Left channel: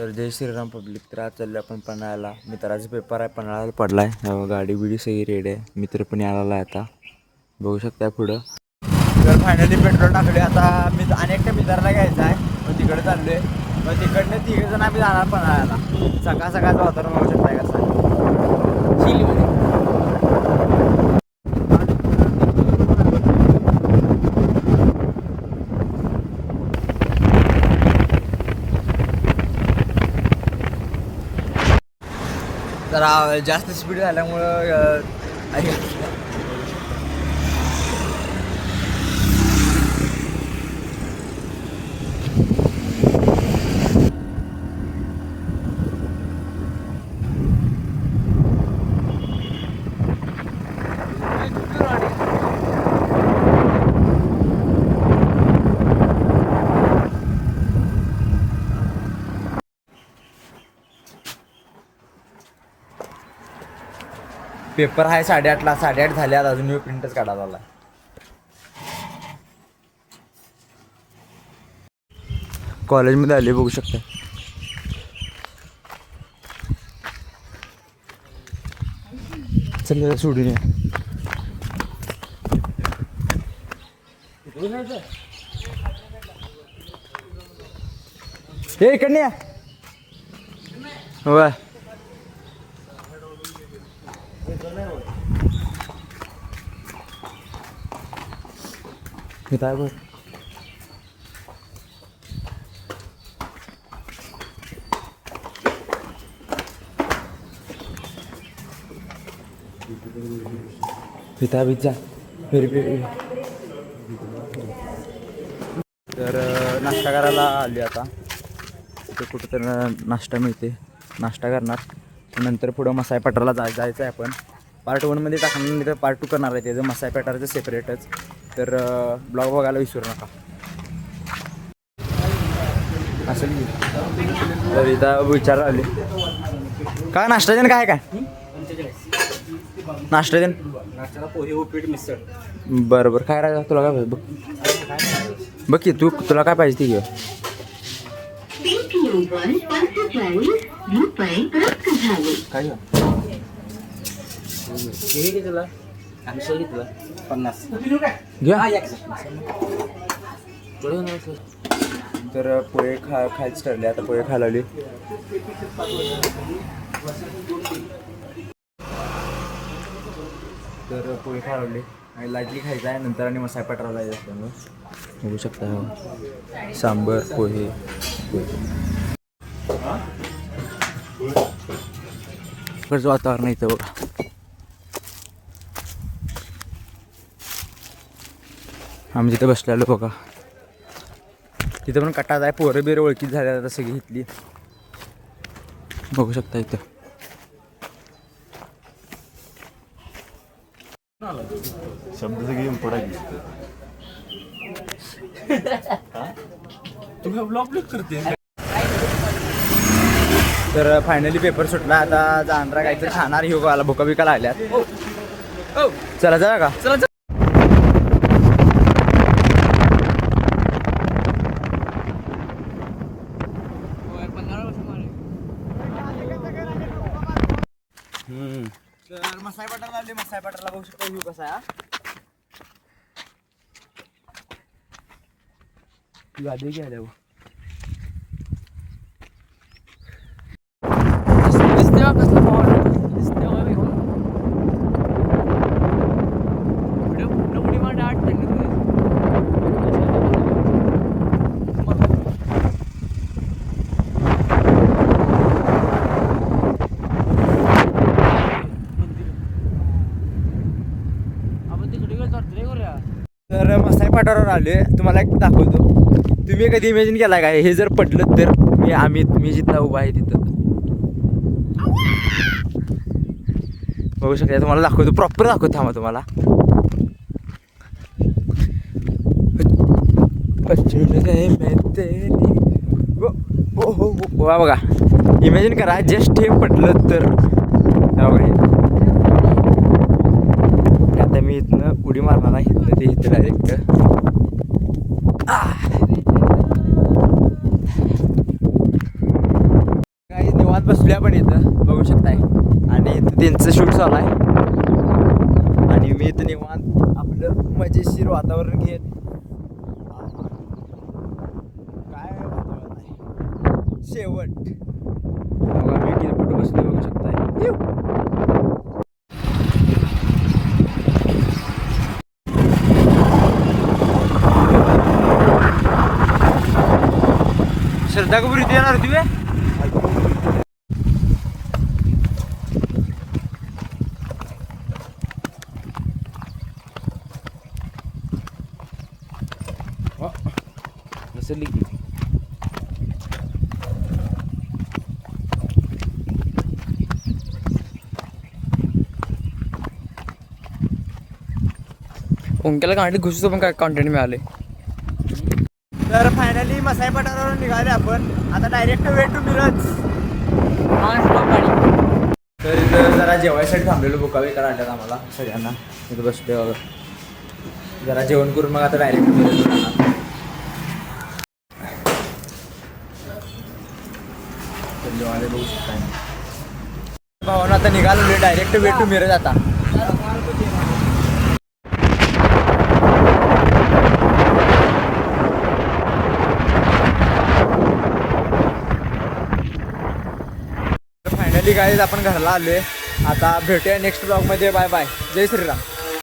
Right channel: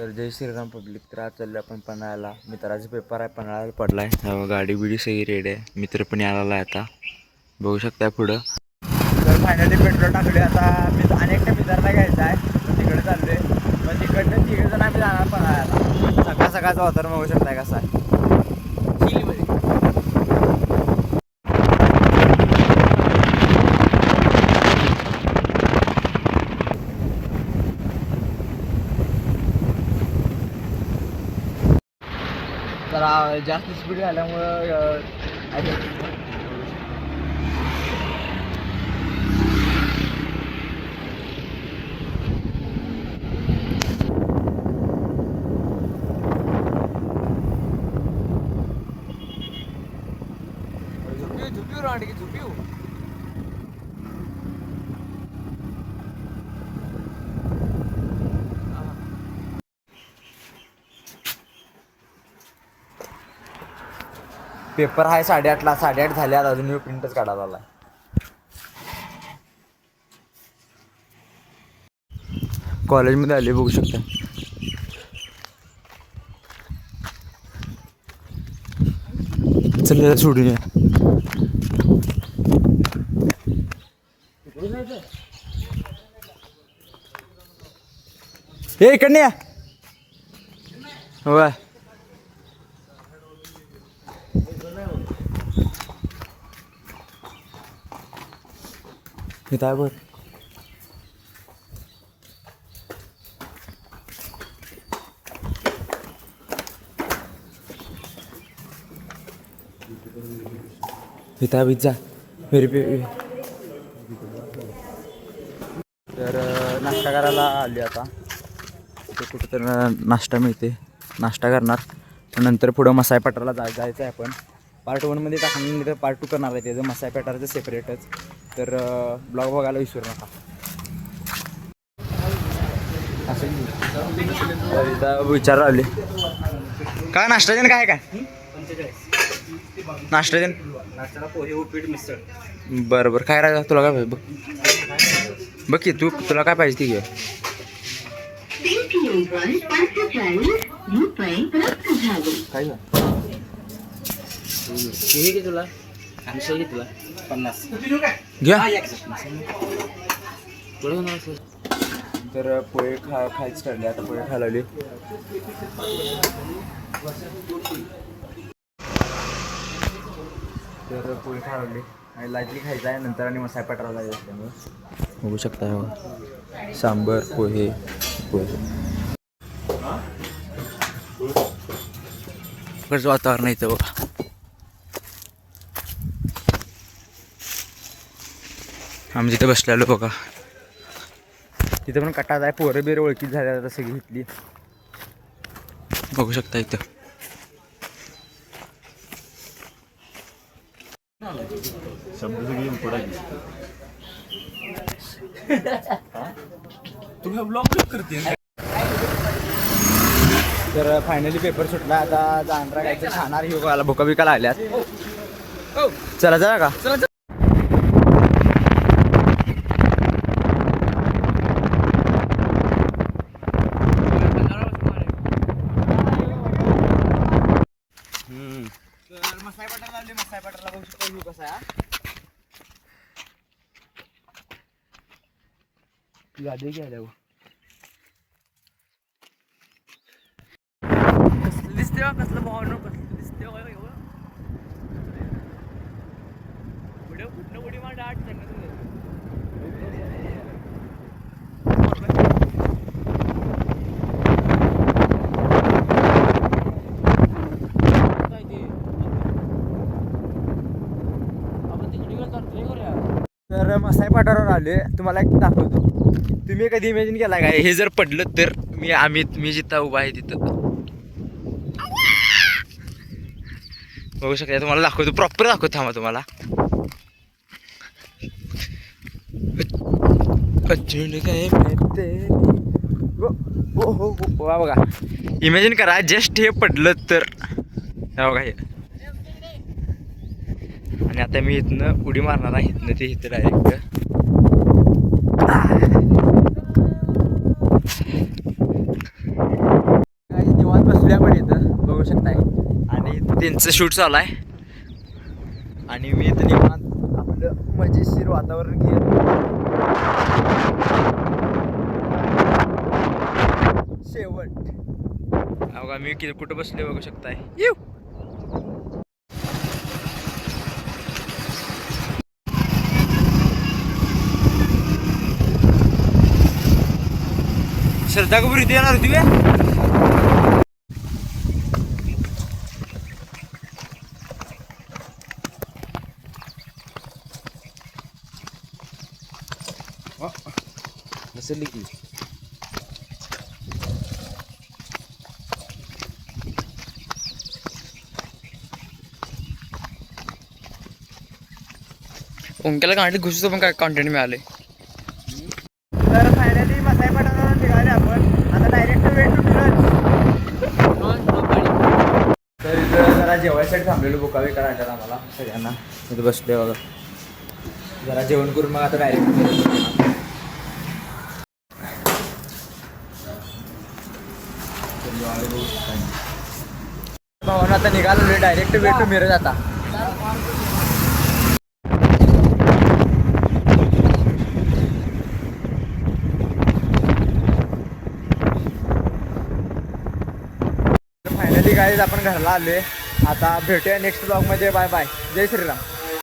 तर जय श्रीराम पब्लिक. तर आज चाललो आपण पन्हाळ्याला. मित्राचा पेपर आहे, पन्हाळ्याला पडला आहे. गाडी बिडी सगळी रेडी आहे. मित्र पण यायला आहे आता, बघू शकता पुढं. तर फायनली पेट्रोल टाकले. आता मी अनेकट्या मित्राला घ्यायचं आहे, मग तिकडे चाललो आहे. मग तिकडनं 3 जण आम्ही जाणार पन्हाळ्याला. सकाळ सकाळचं वातावरण बघू शकता कसं. जरा जास्त स्पीड झाल्यामुळं पेपर आहे 8:30ला. 8:30 झाले, आता अजून न्यू प्रिंटच काढायला आला. कॉलेजमध्ये आले, बघू शकता. चल सोडून या. हे इकडे नाही होय. इथं आहे बघ. इथं पिझ्झा तर नाश्ता करायला आली आता. इथं कुठं तर नाश्ता मिळते, नाश्ता करणार. नंतर पुढं मसाई पठाराला जायचं आहे आपण. पार्ट 1मध्ये टाकणार, नाही तर पार्ट 2 करणार आहे त्याचं. मसाई पठाराचं सेपरेटच. तर ब्लॉग बघायला विसरू नका. असेल मी तर इथं विचार आले काय नाश्ता देन काय नाश्ता देन. नाश्त्याला पोहे उपीट मिसळ. बरं बरं. काय राहायचं तुला? काय बघ बघ की तुला काय पाहिजे ती घे. काय घे तुला 50 घ्या. तर पोहे खायच ठरले. आता पोहे खायला लावले. तर पोहे खायला आणि लाईटली खायचं आहे. नंतर आणि मसाई पठाराला जायचं असल्यामुळे बघू शकता. सांबर पोहे कसं वातावरण आहे इथं बघा. आम्ही तिथं बसलेलो बघा. तिथं पण कटाच आहे. पोरं बिरं ओळखीत झाल्या आता सगळी घेतली, बघू शकता इथं. शब्द सगळी तुम्ही ब्लॉग करते. तर फायनली पेपर सुटला. आता जाणार काहीतरी खाणार. ही आला भुका बिका लागल्यात. चला चला का चला. मसाई पठार लावली. मसाई पठारला बघू शकतो व्ह्यू कसा आहे. गाडी घ्यायला कसलं भाव दिसते उडी मांड आठ तर मसाई पठारावर आले. तुम्हाला एक दाखवतो. तुम्ही कधी इमॅजिन केला काय हे जर पडलं तर मी जिथं उभा आहे तिथं बघू शकता. तुम्हाला दाखवतो, प्रॉपर दाखवतो. थांबा तुम्हाला. हो बघा, इमॅजिन करा जस्ट हे पडलं तर बघा हे. आणि आता मी इथनं उडी मारणार आहे. इथनं ते इथं डायरेक्ट. निवांत बसलोय आपण इथं बघू शकताय आणि इथं त्यांचं शूट चालू आहे आणि मी इथं निवांत आपलं मजेशीर वातावरण घेत शेवट बघा मी किती कुठं बसले बघू शकताय येऊ श्रद्धा कपूर इथे येणार होती बे नसेल की ओंक्याला गाडी घुसूचं पण काय कॉन्टेंट मिळाले. तर फायनली मसाई पठारावरून निघाले आपण आता डायरेक्ट वे टू मिरज. तर इथं जरा जेवायसाठी थांबलेलो बुकावे करा वाटत आम्हाला सगळ्यांना इथं बसले बघा जरा जेवण करून मग आता डायरेक्ट मिरज जाणार. भावानं आता निघालो डायरेक्ट वे टू मिरज आता. फायनली गाईज आपण घरला आलोय आता भेटूया नेक्स्ट ब्लॉगमध्ये. Bye bye. जय श्रीराम.